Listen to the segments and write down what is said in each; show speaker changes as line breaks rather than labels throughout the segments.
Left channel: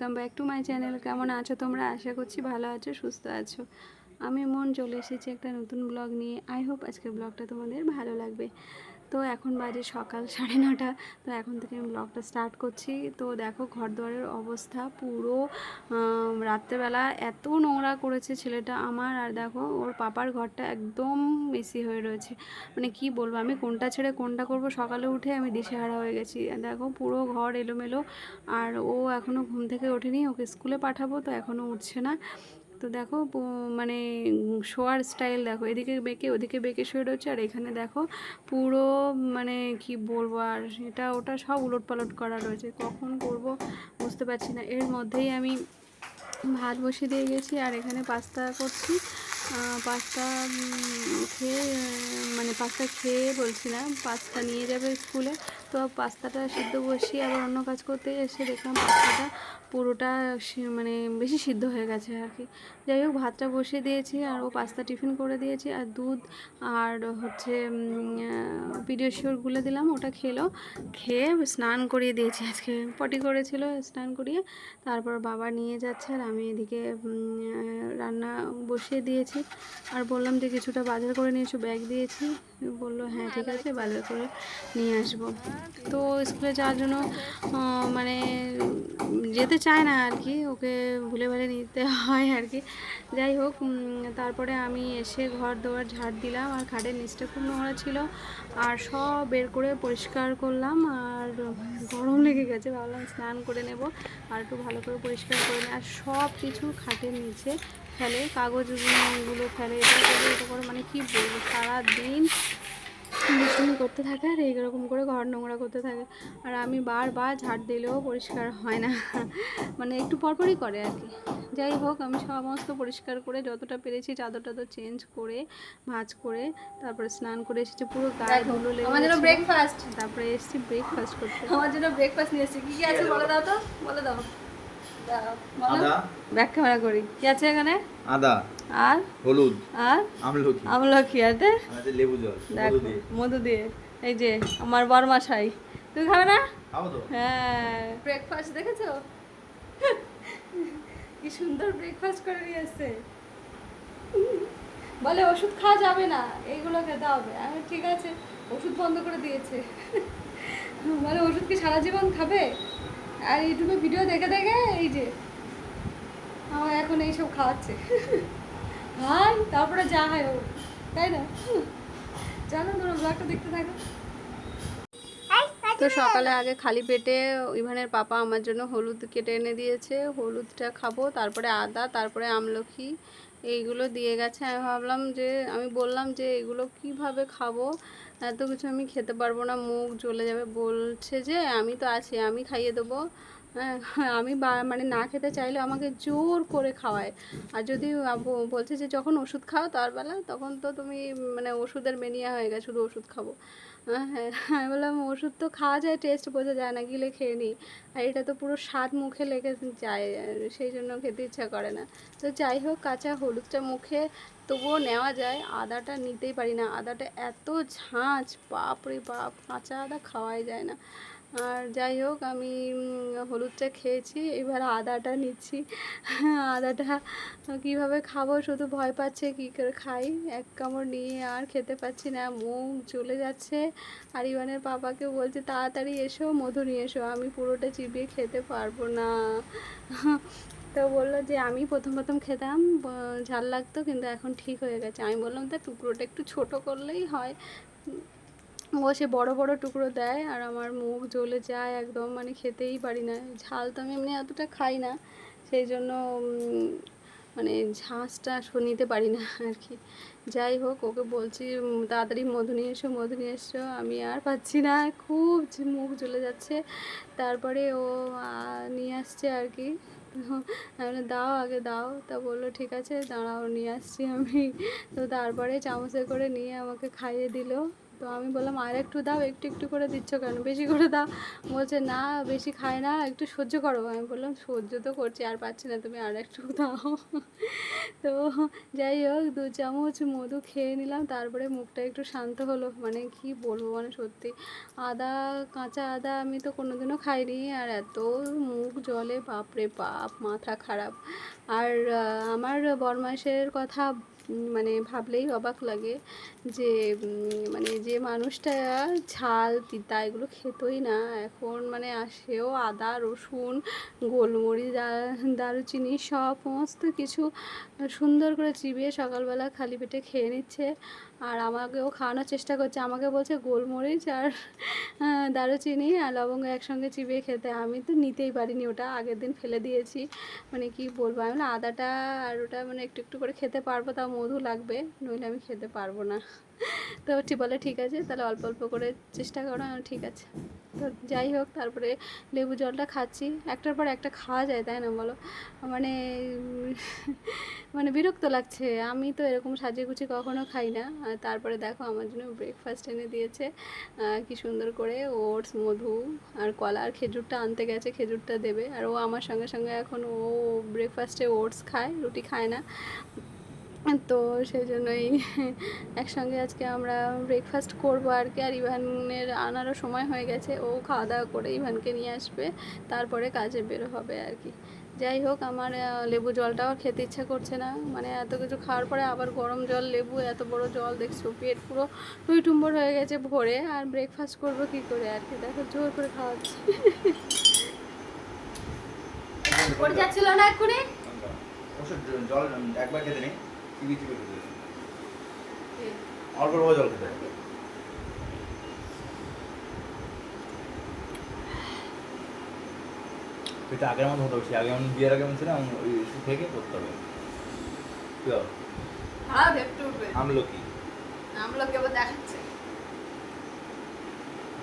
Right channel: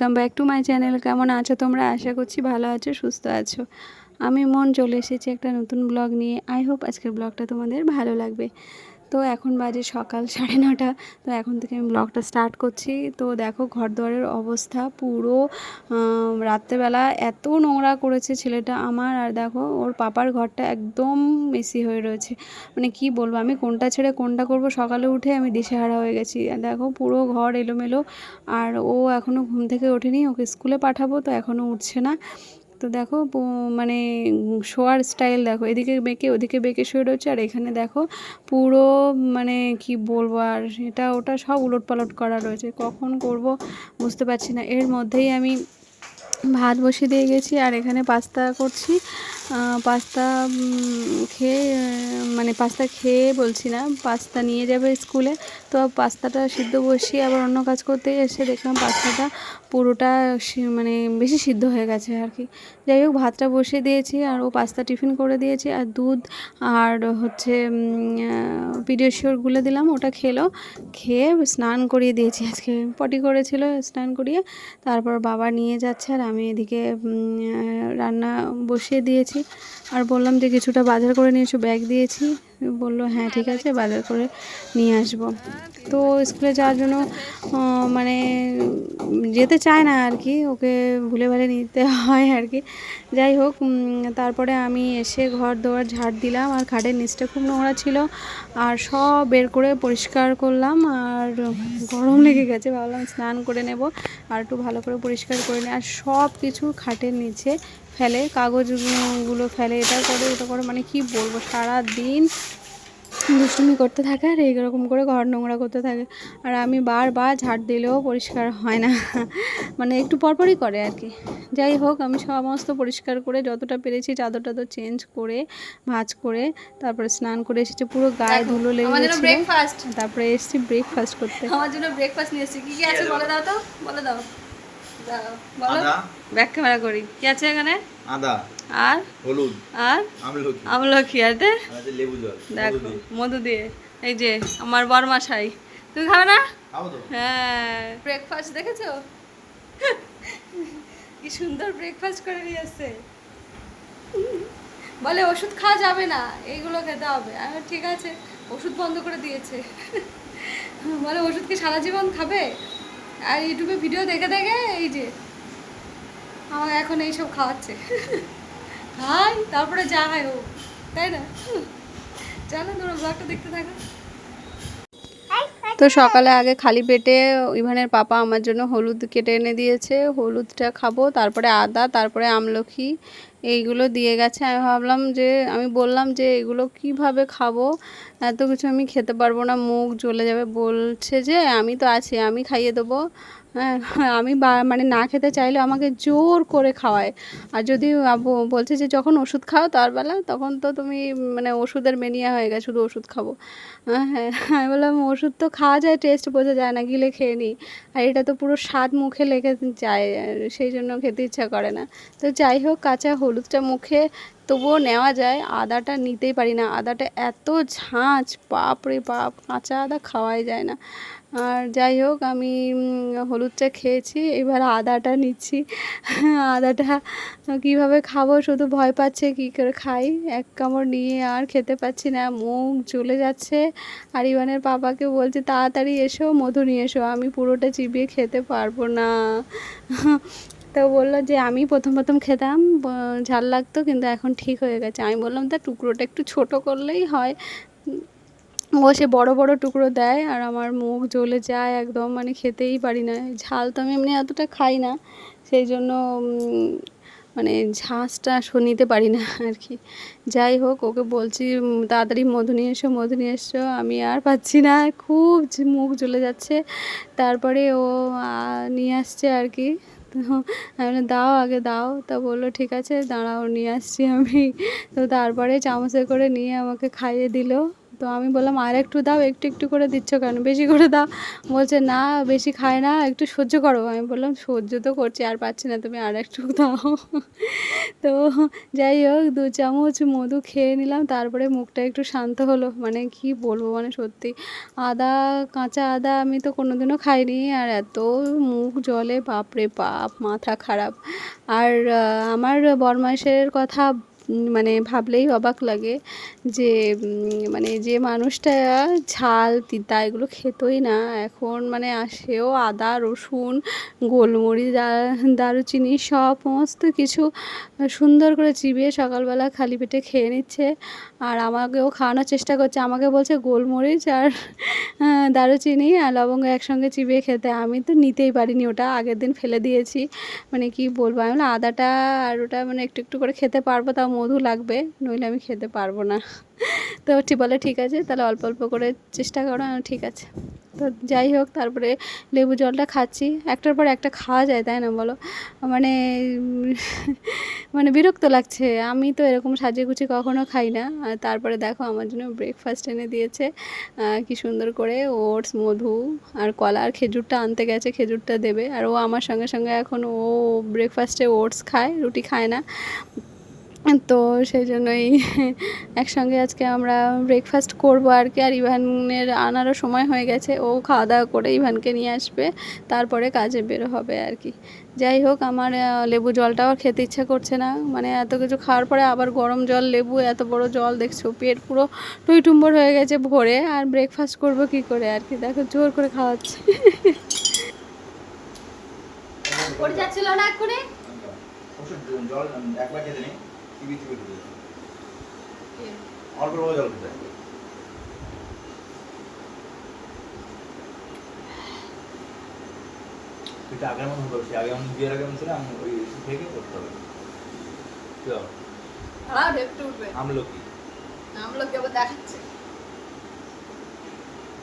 Welcome back to my channel কেমন আছো তোমরা? আশা করছি ভালো আছো, সুস্থ আছো। আমি মন চলে এসেছি একটা নতুন ব্লগ নিয়ে। আই হোপ আজকের ব্লগটা তোমাদের ভালো লাগবে। তো এখন বাজে সকাল সাড়ে নটা। তো এখন থেকে আমি ব্লগটা স্টার্ট করছি। তো দেখো ঘর দুয়ারের অবস্থা পুরো রাত্রেবেলা এত নোংরা করেছে ছেলেটা আমার। আর দেখো ওর পাপার ঘরটা একদম মেসি হয়ে রয়েছে। মানে কি বলব, আমি কোনটা ছেড়ে কোনটা করব? সকালে উঠে আমি দিশেহারা হয়ে গেছি। দেখো পুরো ঘর এলোমেলো। আর ও এখনও ঘুম থেকে ওঠেনি, ওকে স্কুলে পাঠাবো, তো এখনও উঠছে না। তো দেখো মানে শোয়ার স্টাইল দেখো, এদিকে বেঁকে ওদিকে বেঁকে শুয়ে রয়েছে, আর এখানে দেখো পুরো মানে কি বলব আর এটা, ওটা সব উলট পালট করা রয়েছে। কখন করব বুঝতে পারছি না। এর মধ্যেই আমি ভাত বসিয়ে দিয়ে গেছি, আর এখানে পাস্তা করছি। পাস্তা খেয়ে মানে পাস্তা খেয়ে বলছি না পাস্তা নিয়ে যাবে স্কুলে। তো পাস্তাটা সিদ্ধ বসিয়ে আবার অন্য কাজ করতে এসে দেখলাম পাস্তাটা পুরোটা মানে বেশি সিদ্ধ হয়ে গেছে আর কি। যাই হোক, ভাতটা বসিয়ে দিয়েছি আর ও পাস্তা টিফিন করে দিয়েছি আর দুধ আর হচ্ছে পিডিয়াশিওর গুলে দিলাম, ওটা খেলো। খেয়ে স্নান করিয়ে দিয়েছি আজকে। পটি করেছিল, স্নান করিয়ে তারপর বাবা নিয়ে যাচ্ছে আর আমি এদিকে রান্না বসিয়ে দিয়েছি। আর বললাম যে কিছুটা বাজার করে নিয়ে এসো ব্যাগ দিয়েছি। বলল হ্যাঁ ঠিক আছে, বাজার করে নিয়ে আসব। তো স্কুলে যাওয়ার জন্য মানে যেতে চায় না আর কি, ওকে ভুলে ভালে নিতে হয় আর কি। যাই হোক তারপরে আমি এসে ঘর দোয়ার ঝাড় দিলাম, আর খাটের নিচটা খুব নোংরা ছিল, আর সব বের করে পরিষ্কার করলাম, আর গরম লেগে গেছে, ভাবলাম স্নান করে নেব, আর একটু ভালো করে পরিষ্কার করে আর সব কিছু খাটের নিচে ফেলে কাগজগুলো ফেলে এটা করে এটা করে মানে কি বলব সারা দিন দুষ্টুমি করতে থাকে আর এইরকম করে ঘর নোংরা করতে থাকে। আর আমি বারবার ঝাড় দিলেও পরিষ্কার হয় না। মানে একটু পরপরই করে আর কি। যাই হোক আমি সমস্ত পরিষ্কার করে যতটা পেরেছি চাদর টাদর চেঞ্জ করে ভাঁজ করে তারপরে স্নান করে এসেছি পুরো গায়ে ধুলো লেগে গেছিল।
ব্রেকফাস্ট
তারপরে এসেছি ব্রেকফাস্ট করতে।
আমার জন্য ব্রেকফাস্ট নিয়ে এসেছি। কি কি আছে বলে দাও তো? বলে দাও।
আদা।
ব্যাক ক্যামেরা করি। কি আছে এখানে?
আদা।
আর?
হলুদ।
আর?
আমলকি।
আমলকি।
আর লেবু জল।
দেখো মধু দিয়ে। এই যে আমার বরমাশাই। তুই খাবে না? হ্যাঁ।
ব্রেকফাস্ট দেখেছ? কি সুন্দর ব্রেকফাস্ট করে নিয়ে আসছে। বলে ওষুধ খাওয়া যাবে না। এইগুলো খেতে হবে। আমি ঠিক আছে। ওষুধ বন্ধ করে দিয়েছে। বলে ওষুধ কি সারা জীবন খাবে? আর ইউটিউবে ভিডিও দেখে দেখে এই যে আমাকে এখন এইসব খাওয়াচ্ছে। খাই, তারপরে যা হয় ও তাই না? জানো তোমরা ব্লগটা দেখতে থাকো।
তো সকালে আগে খালি পেটে ইভানের পাপা আমার জন্য হলুদ কেটে এনে দিয়েছে। হলুদটা খাব, তারপরে আদা, তারপরে আমলকি এইগুলো দিয়ে গেছে। আমি ভাবলাম যে, আমি বললাম যে, এগুলো কীভাবে খাব? এত কিছু আমি খেতে পারব না। মুখ জ্বলে যাবে। বলছে যে, আমি তো আছি, আমি খাইয়ে দেবো। হ্যাঁ আমি বা- মানে না খেতে চাইলে আমাকে জোর করে খাওয়ায়। আর যদি বলছে যে যখন ওষুধ খাও তার বেলা, তখন তো তুমি মানে ওষুধের মেনিয়া হয়ে গেছে, শুধু ওষুধ খাব। হ্যাঁ হ্যাঁ আমি বললাম, ওষুধ তো খাওয়া যায় টেস্ট বোঝা যায় না, গিলে খেয়ে নিই আর এটা তো পুরো স্বাদ মুখে লেগে যায়, সেই জন্য খেতে ইচ্ছা করে না। তো যাই হোক, কাঁচা হলুদটা মুখে, তবুও নেওয়া যায়, আদাটা নিতেই পারি না। আদাটা এত ঝাঁঝ বাপ রে বাপ, কাঁচা আদা খাওয়াই যায় না। আর যাই হোক, আমি হলুদ চা খেয়েছি। এবার আদাটা নিচ্ছি। আদাটা কীভাবে খাব শুধু ভয় পাচ্ছে কী করে খাই। এক কামড় নিয়ে আর খেতে পাচ্ছি না, মুখ চলে যাচ্ছে। আর ইভানের পাপাকে বলছে, তাড়াতাড়ি এসো, মধু নিয়ে এসো। আমি পুরোটা চিবিয়ে খেতে পারব না। তো বলল যে, আমি প্রথম প্রথম খেতাম ঝাল লাগতো, কিন্তু এখন ঠিক হয়ে গেছে। আমি বললাম, তা টুকরোটা একটু ছোট করলেই হয়। ও সে বড় বড় টুকরো দেয় আর আমার মুখ জ্বলে যায় একদম মানে খেতেই পারি না। ঝাল তো আমি এমনি এতটা খাই না, সেই জন্য মানে ঝাঁসটা নিতে পারি না আর কি যাই হোক, ওকে বলছি তাড়াতাড়ি মধু নিয়ে এসো, মধু নিয়ে এসো। আমি আর পাচ্ছি না, খুব মুখ জ্বলে যাচ্ছে। তারপরে ও নিয়ে আসছে আর কি তো দাও আগে, দাও। তা বলল, ঠিক আছে, দাঁড়াও, নিয়ে আসছি আমি। তো তারপরে চামচে করে নিয়ে আমাকে খাইয়ে দিল। তো আমি বললাম, আর একটু দাও, একটু একটু করে দিচ্ছ কেন? বেশি করে দাও। বলছে, না, বেশি খায় না, একটু সহ্য করো। আমি বললাম, সহ্য তো করছি, আর পাচ্ছি না, তুমি আর একটু দাও। তো যাই হোক, দু চামচ মধু খেয়ে নিলাম, তারপরে মুখটা একটু শান্ত হলো। মানে কি বলব মানে সত্যি। আদা, কাঁচা আদা আমি তো কোনোদিনও খাইনি, আর এত মুখ জলে বাপরে বাপ, মাথা খারাপ। আর আমার বরমাসের কথা মানে ভাবলেই অবাক লাগে যে মানে যে মানুষটা ঝাল, তিতা এগুলো খেতই না। এখন মানে সেও আদা, রসুন, গোলমরিচ দারুচিনি সমস্ত কিছু সুন্দর করে চিবিয়ে সকালবেলা খালি পেটে খেয়ে নিচ্ছে। আর আমাকেও খাওয়ানোর চেষ্টা করছে। আমাকে বলছে, গোলমরিচ আর দারুচিনি আর লবঙ্গ একসঙ্গে চিবিয়ে খেতে। আমি তো নিতেই পারিনি, ওটা আগের দিন ফেলে দিয়েছি। মানে কি বলব, আমি আদাটা আর ওটা মানে একটু একটু করে খেতে পারব, তাও মধু লাগবে, নইলে আমি খেতে পারব না। তো ঠিক বলে, ঠিক আছে, তাহলে অল্প অল্প করে চেষ্টা করো ঠিক আছে। তো যাই হোক, তারপরে লেবু জলটা খাচ্ছি। একটার পর একটা খাওয়া যায়, তাই না বলো? মানে মানে বিরক্ত লাগছে। আমি তো এরকম সাজিয়ে গুছিয়ে কখনো খাই না। আর তারপরে দেখো, আমার জন্য ব্রেকফাস্ট এনে দিয়েছে। কি সুন্দর করে ওটস, মধু আর কলা আর খেজুরটা আনতে গেছে, খেজুরটা দেবে। আর ও আমার সঙ্গে সঙ্গে এখন ও ব্রেকফাস্টে ওটস খায়, রুটি খায় না। তো সেই জন্যই একসঙ্গে আজকে আমরা ব্রেকফাস্ট করব আর কি। আর ইভানের আনারও সময় হয়ে গেছে ও খাওয়া দাওয়া করে ইভানকে নিয়ে আসবে তারপরে কাজে বের হবে আর কি। যাই হোক আমার লেবু জলটাও খেতে ইচ্ছা করছে না। মানে এত কিছু খাওয়ার পরে আবার গরম জল লেবু এত বড় জল দেখছ পেট পুরো টুইটুম্বর হয়ে গেছে ভরে। আর ব্রেকফাস্ট করব কি করে আর কি? দেখো জোর করে খাওয়াচ্ছে।
পড়ে যাচ্ছিল না এক্ষুনি?
জল একবার খেতে নেই। চিবি খেতে নেই অল্প জল খেতে এটা আগের মতো হতো সে আগে আমি বিয়ের আগে ছিলাম ওই ওষুধ খেয়ে খেয়ে করতে হবে। কি হবে
হ্যাঁ একটু উঠবে।
আমলকি।
আমলকি আবার দেখাচ্ছে।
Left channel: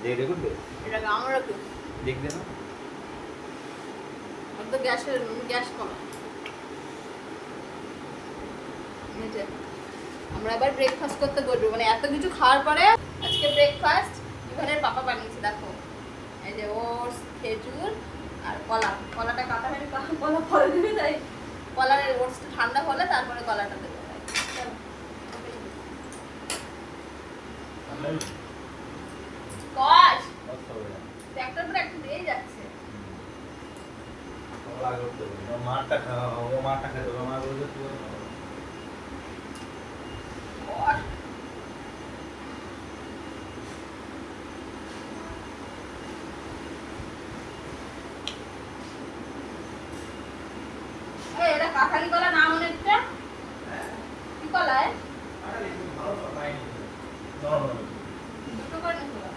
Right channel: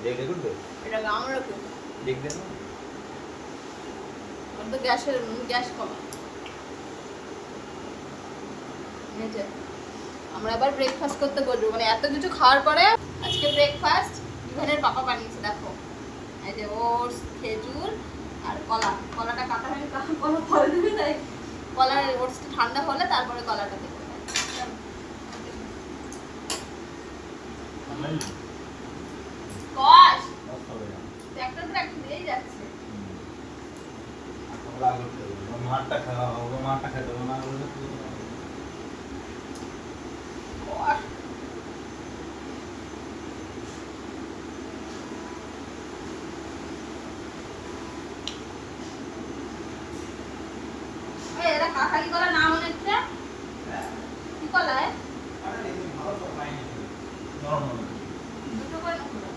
দেখে করবে?
এটা আমলকি।
দেখবে না?
তো গ্যাসের গ্যাস কমে এই যে, আমরা এবার ব্রেকফাস্ট করতে বসবো মানে এত কিছু খাওয়ার পরে আজকে ব্রেকফাস্ট ইভানের পাপা বানিয়েছে দেখো। এই যে ওটস খেজুর আর কলা। কলাটা কাটা হয়নি কলা পরে দিবি তাই কলার ওটসটা ঠান্ডা হলে তারপরে কলাটা দেবো।
হবে
একটার পর একটা দিয়েই যাচ্ছে।
মারটা খাওয়া মারটা হবে মা বলবে তুই ওটা খাও।
কষ। এই, এটা কাঁঠালি কলা নাম মনে হচ্ছে কি কলা এ?
নরম নরম।
দুটো করে নাকি কলা?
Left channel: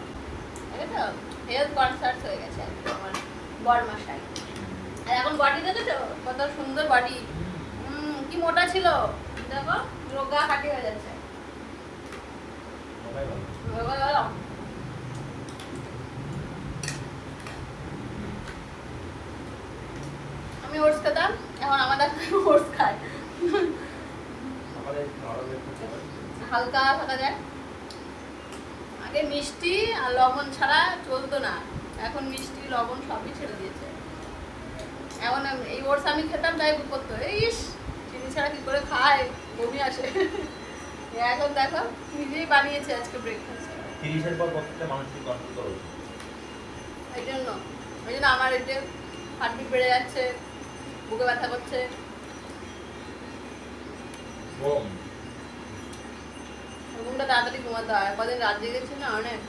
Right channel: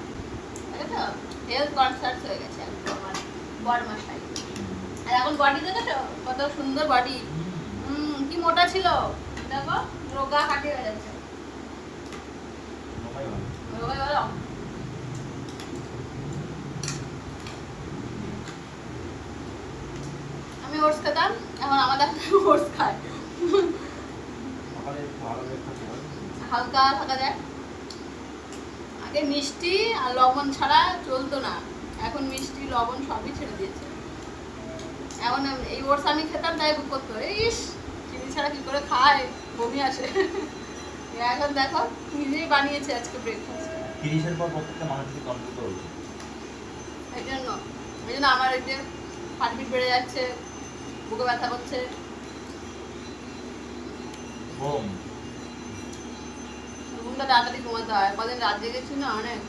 এই তো হেলথ কনসার্ট হয়ে গেছে একদম আমার বড়মাশাই আর এখন বডি দেখেছ কত সুন্দর বডি হুম কি মোটা ছিল? দেখো রোগা খাটি হয়ে যাচ্ছে। আমি ওটস খেতাম এখন আমাদের ওটস খায়। হালকা থাকা যায় আগে মিষ্টি আর লবণ ছাড়া চলতো না। এখন মিষ্টি লবণ সবই ছেড়ে দিয়েছে। এখন এই ওটস আমি খেতাম তাই বুক করতো। ইস চিনি ছাড়া কি করে খায়? বমি আসে এখন দেখো নিজেই বানিয়েছে আজকে ব্রেকফাস্ট
তিরিশের পর প্রত্যেকটা মানুষকে কন্ট্রোল করা উচিত।
এই জন্য ওই জন্য আমার এই যে হার্টবিট বেড়ে যাচ্ছে বুকে ব্যথা করছে।
বোম
ঘুমটা তাড়াতাড়ি ঘুমাতে হয়। কদিন রাত জেগেছি না অনেক।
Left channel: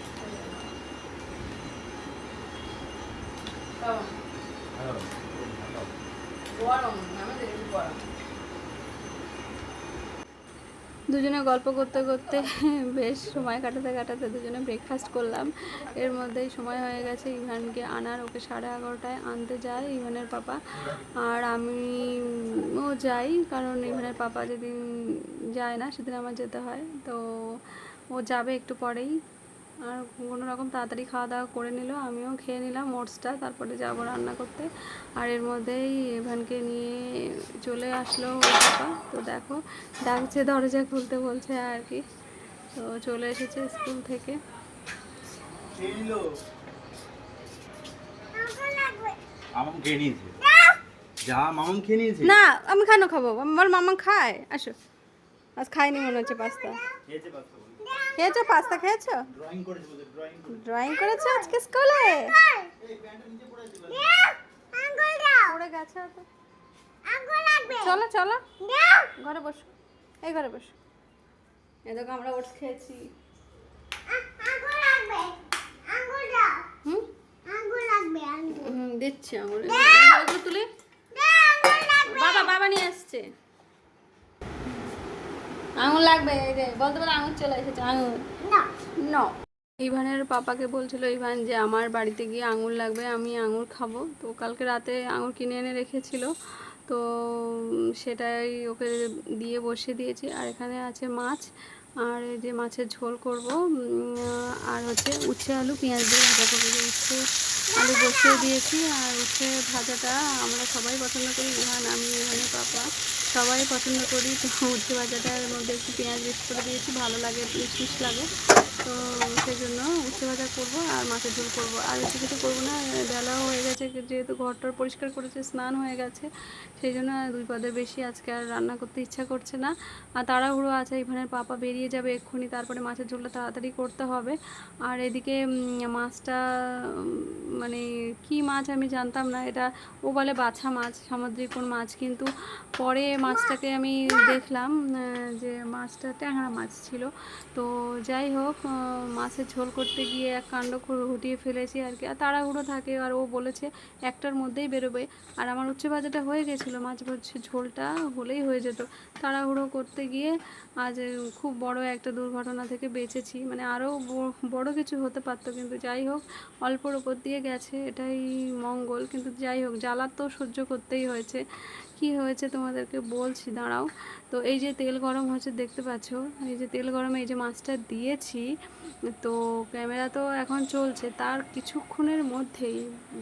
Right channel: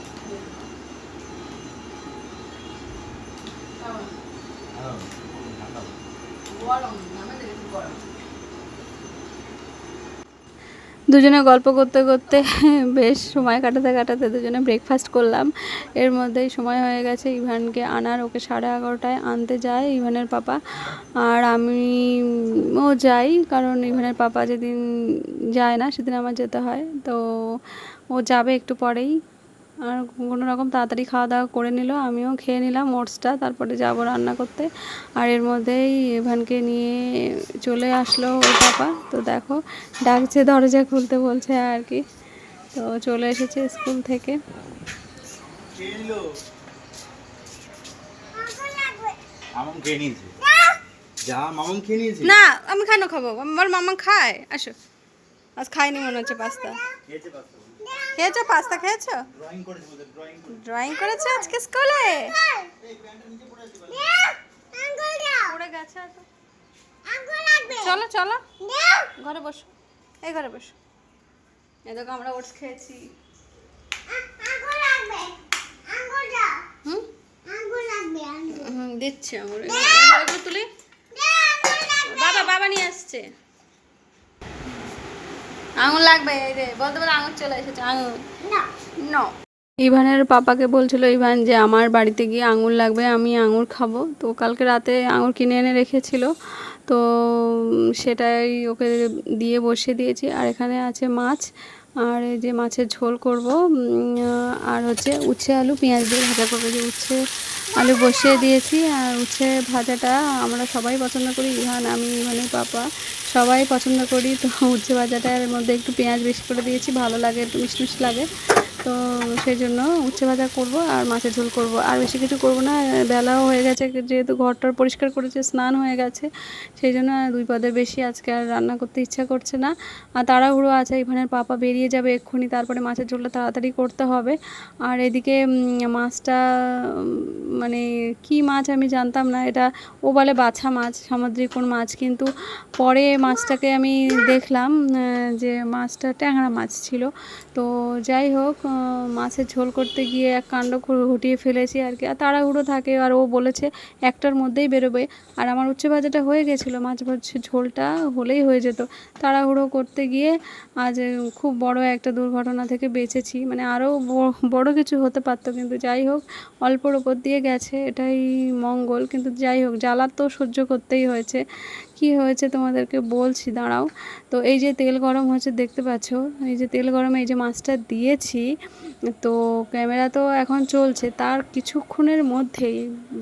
দুজনে গল্প করতে করতে বেশ সময় কাটাতে কাটাতে দুজনে ব্রেকফাস্ট করলাম। এর মধ্যেই সময় হয়ে গেছে ইভানকে আনার, ওকে সাড়ে এগারোটায় আনতে যায় ইভানের পাপা। আর আমি, ও যাই, কারণ ইভানের পাপা যেদিন যায় না সেদিন আমার যেতে হয়। তো ও যাবে একটু পরেই। আর কোনো রকম তাড়াতাড়ি খাওয়া দাওয়া করে নিল আমিও খেয়ে নিলাম ওটসটা তারপরে যাব রান্না করতে। আর এর মধ্যেই এভানকে নিয়ে চলে আসলো ওর পাপা তো দেখো ডাকছে দরজা খুলতে বলছে আর কি। তো চলে এসেছে স্কুল থেকে। না আমি কেন খাব। আমার মামা খায়? আসো। আজ খাইনি মনে হচ্ছে পাস্তা।
খেয়েছে? পাস্তা
খেয়েছো? পাস্তা খেয়েছো
ড্রয়িং করেছে।
আজকে স্কুলে? পড়ে গেছে চলো চলো। ঘরে বসো। এই ঘরে বসো। এই দেখো আমরা ওটস খেয়েছি। দিচ্ছি আমার এগুলো বাবা বাবা নিয়ে আসছে। আঙুর লাগবে এই রে বলতে বলে আঙুর চলে এসেছে আঙুর না। ইভানের পাপাকে বলছিল ইভান যে আমার বাড়িতে গিয়ে আঙুর লাগবে আমি আঙুর খাব। তো কালকে রাতে আঙুর কিনে এনে রেখেছিল। তো সেটাই ওকে দিয়ে বসিয়ে দিয়েছি। আর এখানে আছে মাছ। আর এই যে মাছের ঝোল করব আর হচ্ছে উচ্ছে আলু পেঁয়াজ দিয়ে ভাজা করব। যে উচ্ছে আলু বসিয়ে দিয়েছি আর উচ্ছে ভাজাটা আমরা সবাই পছন্দ করি, ইহান, আমি ইভানের পাপা। সবাই পছন্দ করি, তো উচ্ছে ভাজাটার মধ্যে একটু পেঁয়াজ বেশি করে দিয়েছি, ভালো লাগে, একটু মিষ্টি লাগে। তো সেই জন্য উচ্ছে ভাজা করব আর মাছের ঝোল করব। আর বেশি কিছু করব না, বেলাও হয়ে গেছে, যেহেতু ঘরটার পরিষ্কার করেছে, স্নান হয়ে গেছে, সেই জন্য দুই পদে বেশি আজকে আর রান্না করতে ইচ্ছা করছে না। আর তাড়াহুড়ো আছে এখানে পাপা বেরিয়ে যাবে এক্ষুনি, তারপরে মাছের ঝোলটা তাড়াতাড়ি করতে হবে। আর এদিকে মাছটা মানে কি মাছ আমি জানতাম না, এটা ও বলে বাছা মাছ, সামুদ্রিক কোন মাছ। কিন্তু পরে মাছটাকে আমি দেখলাম যে মাছটা ট্যাংরা মাছ ছিল। তো যাই হোক মাছের ঝোল করতে গিয়ে এক কাণ্ড হুটিয়ে ফেলেছি আর কি। আর তাড়াহুড়ো থাকে আর ও বলেছে একটার মধ্যেই বেরোবে। আর আমার উচ্ছে ভাজাটা হয়ে গেছিল, মাছ ঝোলটা হলেই হয়ে যেত। তাড়াহুড়ো করতে গিয়ে আজ খুব বড় একটা দুর্ঘটনা থেকে বেঁচেছি। মানে আরও বড় কিছু হতে পারতো, কিন্তু যাই হোক, অল্পর ওপর দিয়ে গেছে, এটাই মঙ্গল। কিন্তু যাই হোক, জ্বালা তো সহ্য করতেই হয়েছে। কি হয়েছে তোমাদেরকে বলছি, দাঁড়াও। তো এই যে তেল গরম হচ্ছে, দেখতে পাচ্ছ? এই যে তেল গরমে এই যে মাছটা দিয়েছি, তো ক্যামেরা তো এখন চলছে। তার কিছুক্ষণের মধ্যেই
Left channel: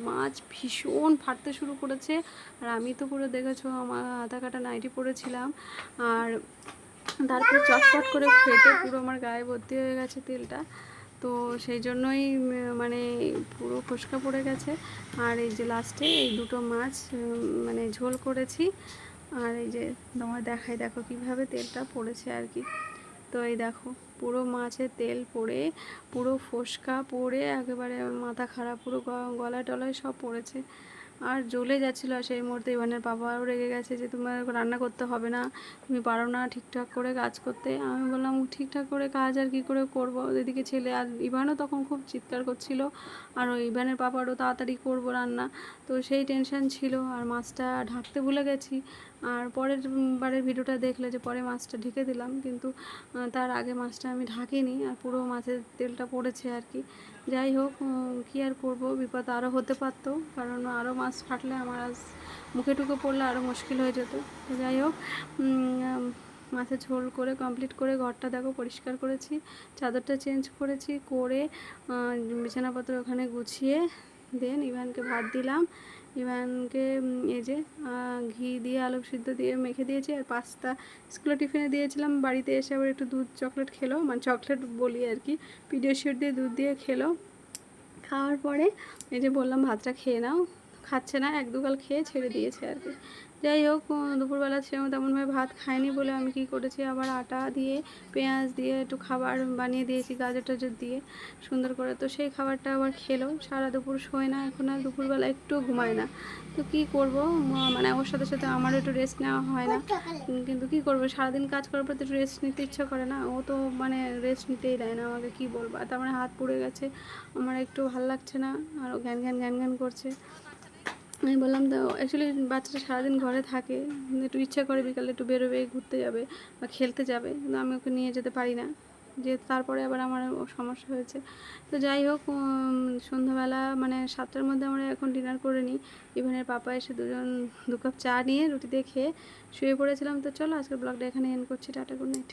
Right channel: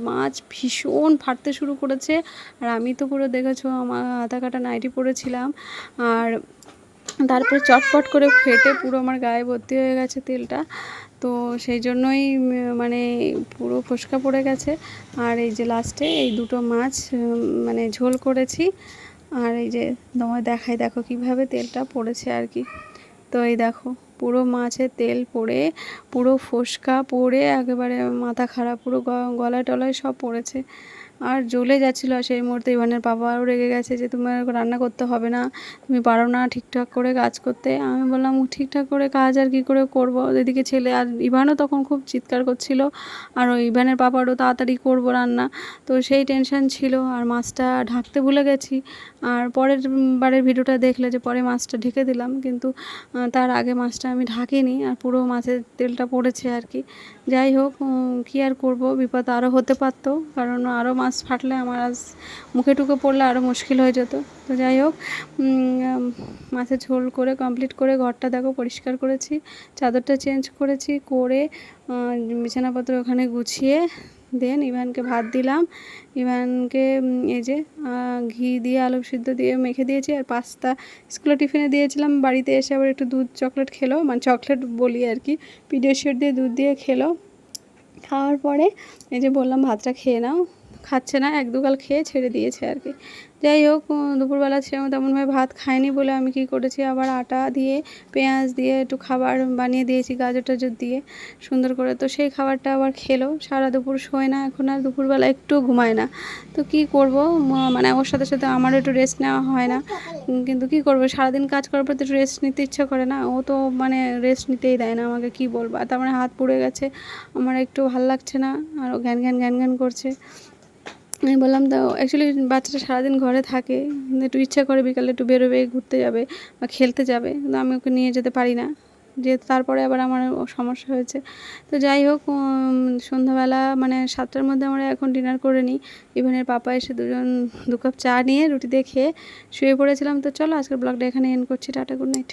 মাছ ভীষণ ফাটতে শুরু করেছে। আর আমি তো পুরো দেখেছ, আমার আধা কাটা নাইটি পরেছিলাম। আর তারপরে চটপট করে ফেটে পুরো আমার গায়ে ভর্তি হয়ে গেছে তেলটা। তো সেই জন্যই মানে পুরো ফোসকা পড়ে গেছে। আর এই যে লাস্টে এই দুটো মাছ মানে ঝোল করেছি। আর এই যে তোমার দেখাই, দেখো কীভাবে তেলটা পড়েছে আর কি। তো এই দেখো, পুরো মাছের তেল পড়ে, পুরো ফোসকা পড়ে, একেবারে মাথা খারাপ, পুরো গলা টলায় সব পড়েছে। আর জ্বলে যাচ্ছিল আর সেই মুহূর্তে ইভানের বাবাও রেগে গেছে যে, তোমার রান্না করতে হবে না। তুমি পারো না ঠিকঠাক করে কাজ করতে। আমি বললাম ঠিকঠাক করে কাজ আর কি করে করব? এদিকে ছেলে আর ইভানও তখন খুব চিৎকার করছিল। আর ওই ইভানের পাপারও তাড়াতাড়ি করব রান্না। তো সেই টেনশন ছিল আর মাছটা ঢাকতে ভুলে গেছি। আর পরের বারের ভিডিওটা দেখলে যে, পরে মাছটা ঢেকে দিলাম। কিন্তু তার আগে মাছটা আমি ঢাকিনি আর পুরো মাছের তেলটা পড়েছে আর কি। যাই হোক কী আর করব? বিপদ আরও হতে পারতো। কারণ আরও মাছ ফাটলে আমার আজ মুখে টুকে পড়লে আরও মুশকিল হয়ে যেত। তো যাই হোক মাছের ঝোল করে কমপ্লিট করে ঘরটা দেখো পরিষ্কার করেছি, চাদরটা চেঞ্জ করেছি, করে বিছানাপত্র ওখানে গুছিয়ে দেন ইভানকে ভাত দিলাম। ইভানকে এই যে ঘি দিয়ে আলু সিদ্ধ দিয়ে মেখে দিয়েছি আর পাস্তা স্কুলে টিফিনে দিয়েছিলাম, বাড়িতে এসে আবার একটু দুধ চকলেট খেলো মানে চকলেট বলি আর কি পিডিয়াশিওর দিয়ে দুধ দিয়ে খেলো। খাওয়ার পরে এই যে বললাম ভাতটা খেয়ে নাও। খাচ্ছে না, এক দুগাল খেয়ে ছেড়ে দিয়েছে আর কি। যাই হোক দুপুরবেলা সেরকম তেমনভাবে ভাত খায়নি বলে আমি কি করেছি, আবার আটা দিয়ে, পেঁয়াজ দিয়ে একটু খাবার বানিয়ে দিয়েছি, গাজর টাজর দিয়ে। সুন্দর করে তো সেই খাবারটা আবার খেলো। সারা দুপুর শোয় না এখন আর, দুপুরবেলা একটু ঘুমায় না। তো কি করব? মানে ওর সাথে সাথে আমারও একটু রেস্ট নেওয়া হয় না। কিন্তু কি করব? সারাদিন কাজ করার পর তো একটু রেস্ট নিতে ইচ্ছা করে না। ও তো মানে রেস্ট নিতেই দেয় না আমাকে, কি বলব? আর তার মানে হাত পুড়ে গেছে। আমার একটু ভালো লাগছে না, আর ও জ্ঞান জ্ঞান জ্ঞান করছে। আমি বললাম তো অ্যাকচুয়ালি বাচ্চাটা সারাদিন ঘরে থাকে, একটু ইচ্ছা করে বিকালে একটু বেরোবে, ঘুরতে যাবে বা খেলতে যাবে, কিন্তু আমি ওকে নিয়ে যেতে পারি না। যে তারপরে আবার আমার সমস্যা হয়েছে। তো যাই হোক সন্ধ্যাবেলা মানে সাতটার মধ্যে আমরা এখন ডিনার করে নিই। ইভেনের পাপা এসে দুজন দু কাপ চা নিয়ে রুটি দিয়ে খেয়ে শুয়ে পড়েছিলাম। তো চলো, আজকের ব্লগটা এখানে এন্ড করছি। Tata good night